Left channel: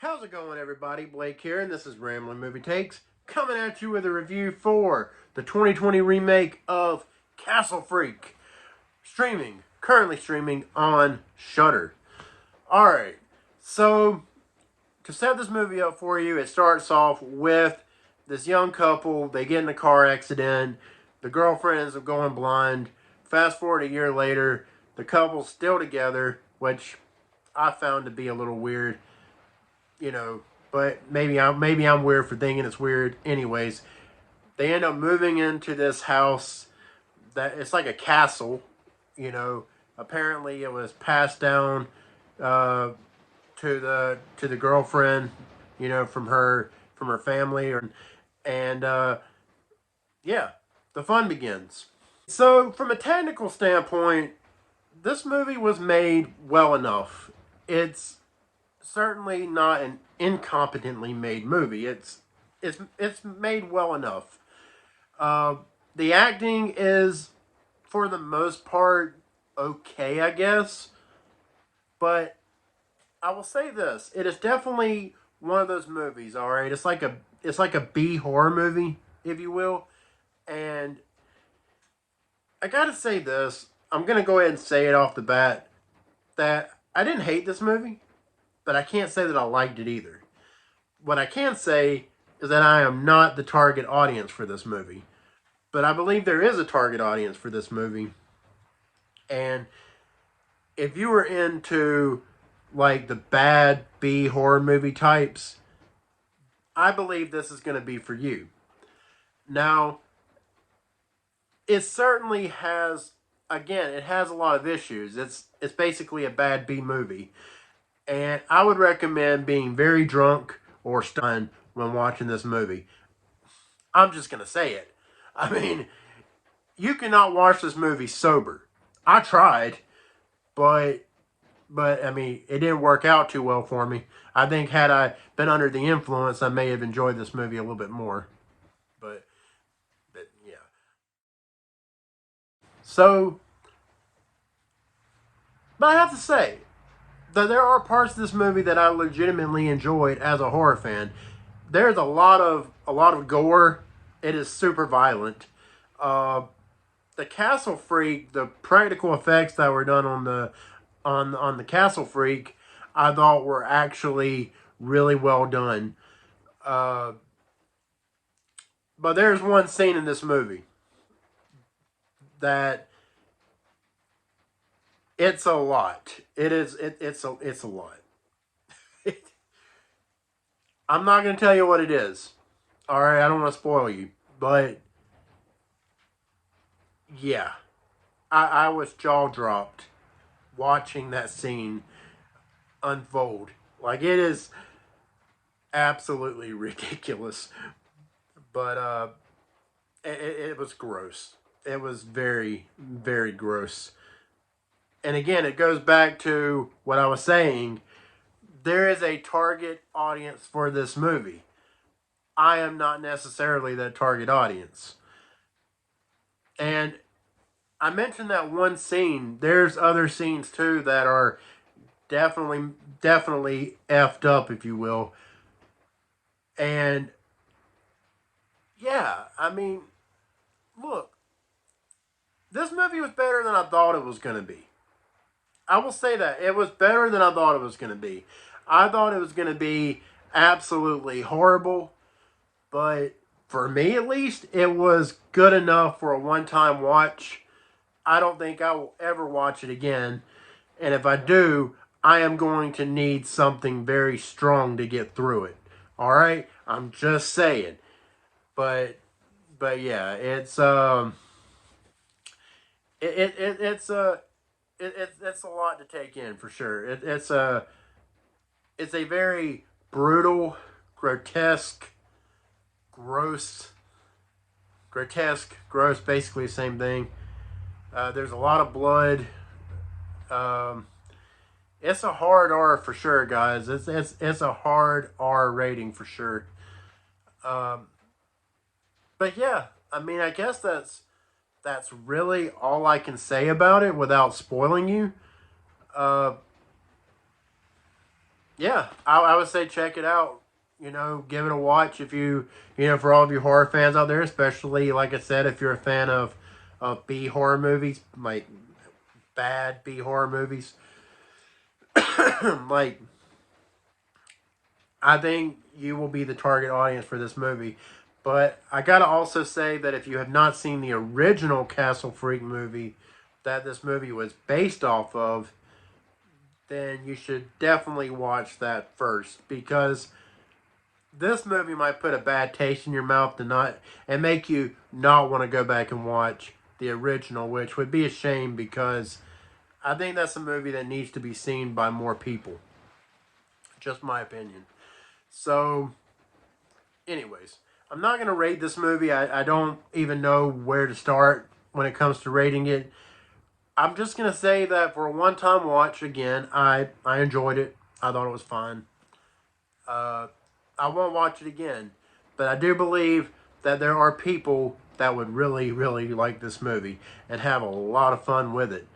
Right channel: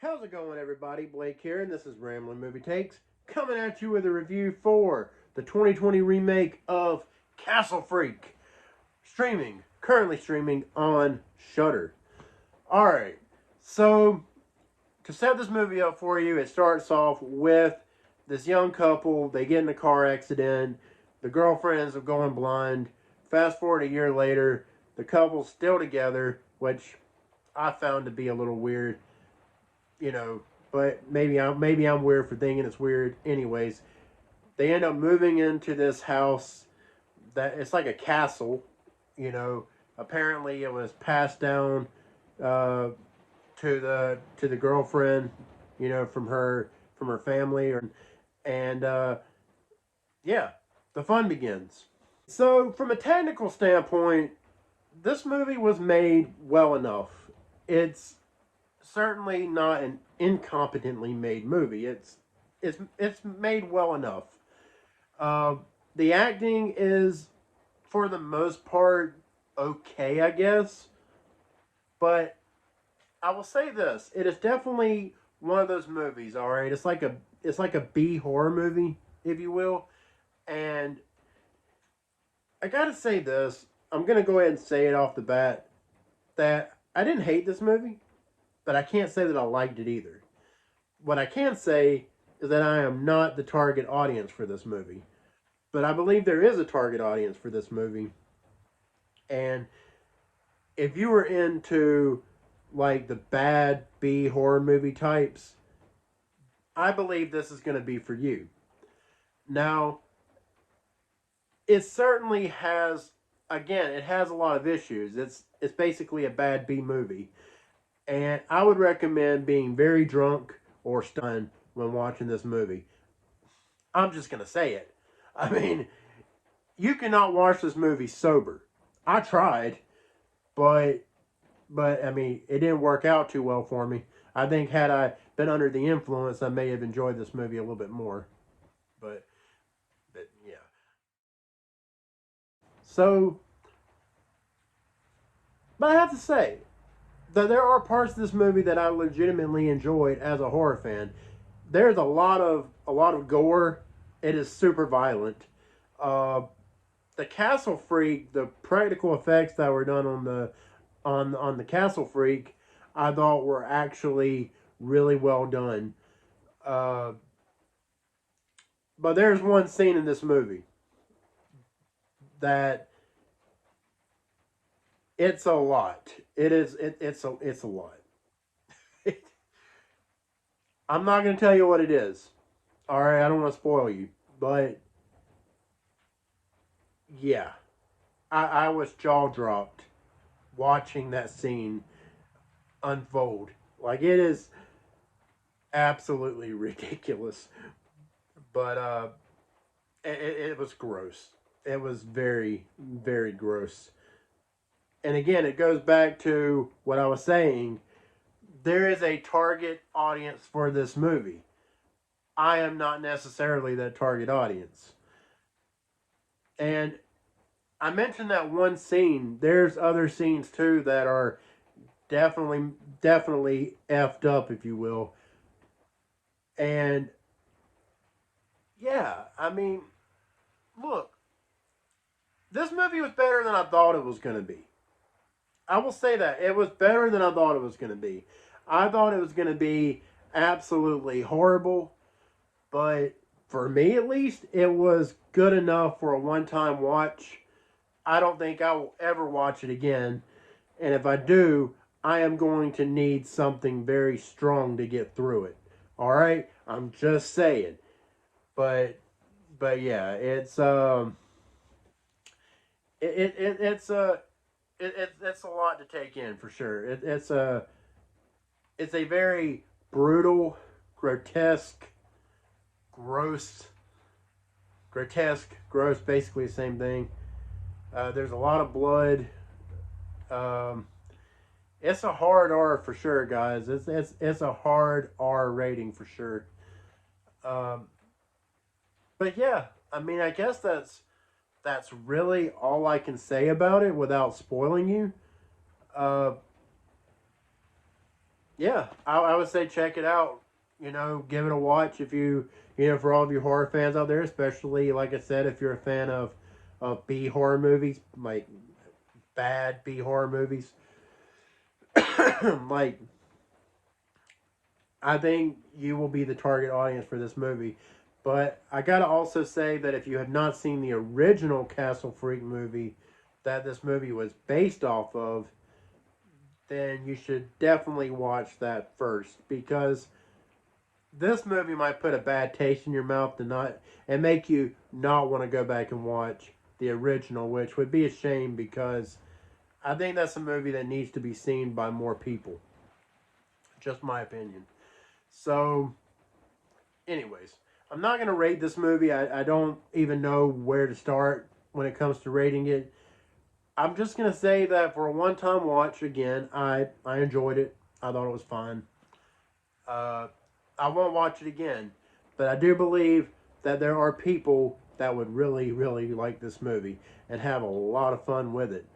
How's it going, everybody? Blake here, and this is Rambling Movie Takes, coming at you with a review for the 2020 remake of Castle Freak, currently streaming on Shudder. Alright, so to set this movie up for you, it starts off with this young couple. They get in a car accident. The girlfriend ends up going blind. Fast forward a year later, the couple's still together, which I found to be a little weird. But maybe I'm weird for thinking it's weird. Anyways, they end up moving into this house that it's like a castle. Apparently it was passed down to the girlfriend, from her family, and yeah, the fun begins. So from a technical standpoint, this movie was made well enough. It's certainly not an incompetently made movie. It's made well enough. The acting is, for the most part, okay, I guess. But I will say this: it is definitely one of those movies. All right, it's like a B horror movie, if you will. And I gotta say this: I'm gonna go ahead and say it off the bat that I didn't hate this movie, but I can't say that I liked it either. What I can say is that I am not the target audience for this movie. But I believe there is a target audience for this movie. And if you were into like the bad B horror movie types, I believe this is going to be for you. Now, it certainly has, again, it has a lot of issues. It's basically a bad B movie. And I would recommend being very drunk or stunned when watching this movie. I'm just going to say it. I mean, you cannot watch this movie sober. I tried, but I mean, it didn't work out too well for me. I think had I been under the influence, I may have enjoyed this movie a little bit more. But yeah. So, but I have to say, there are parts of this movie that I legitimately enjoyed as a horror fan. There's a lot of gore. It is super violent. The Castle Freak, the practical effects that were done on the Castle Freak, I thought were actually really well done. But there's one scene in this movie that it's a lot. It's a lot. I'm not going to tell you what it is. All right, I don't want to spoil you, but yeah, I was jaw dropped watching that scene unfold. Like, it is absolutely ridiculous, but it was gross. It was very, very gross. And again, it goes back to what I was saying. There is a target audience for this movie. I am not necessarily that target audience. And I mentioned that one scene. There's other scenes too that are definitely effed up, if you will. And yeah, I mean, look, this movie was better than I thought it was going to be. I will say that. It was better than I thought it was going to be. I thought it was going to be absolutely horrible, but for me at least, it was good enough for a one-time watch. I don't think I will ever watch it again, and if I do, I am going to need something very strong to get through it. All right? I'm just saying. But yeah, it's it's it's a lot to take in for sure. It's a very brutal, grotesque, gross, basically the same thing. There's a lot of blood. It's a hard R for sure, guys. It's a hard R rating for sure. But yeah, I mean, I guess that's really all I can say about it without spoiling you. yeah, I would say check it out. You know, give it a watch if for all of you horror fans out there, especially like I said, if you're a fan of B horror movies, like bad B horror movies, like I think you will be the target audience for this movie. But I gotta also say that if you have not seen the original Castle Freak movie that this movie was based off of, then you should definitely watch that first, because this movie might put a bad taste in your mouth and make you not want to go back and watch the original, which would be a shame because I think that's a movie that needs to be seen by more people. Just my opinion. So, anyways, I'm not going to rate this movie. I don't even know where to start when it comes to rating it. I'm just going to say that for a one-time watch, again, I enjoyed it. I thought it was fun. Uh, I won't watch it again. But I do believe that there are people that would really, really like this movie and have a lot of fun with it.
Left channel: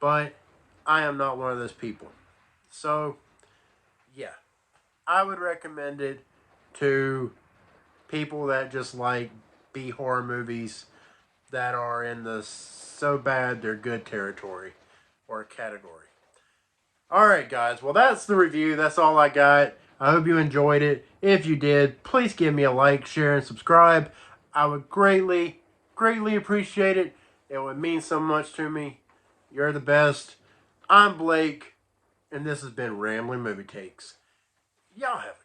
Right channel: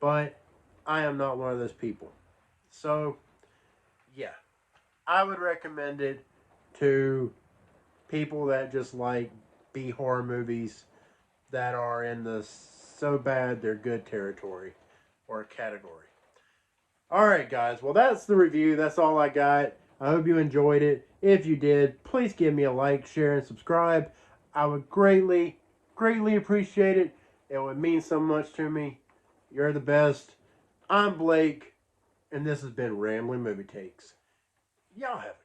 But I am not one of those people. So, yeah. I would recommend it to people that just like B horror movies that are in the so bad they're good territory or category. Alright, guys. Well, that's the review. That's all I got. I hope you enjoyed it. If you did, please give me a like, share, and subscribe. I would greatly, greatly appreciate it. It would mean so much to me. You're the best. I'm Blake, and this has been Rambling Movie Takes. Y'all have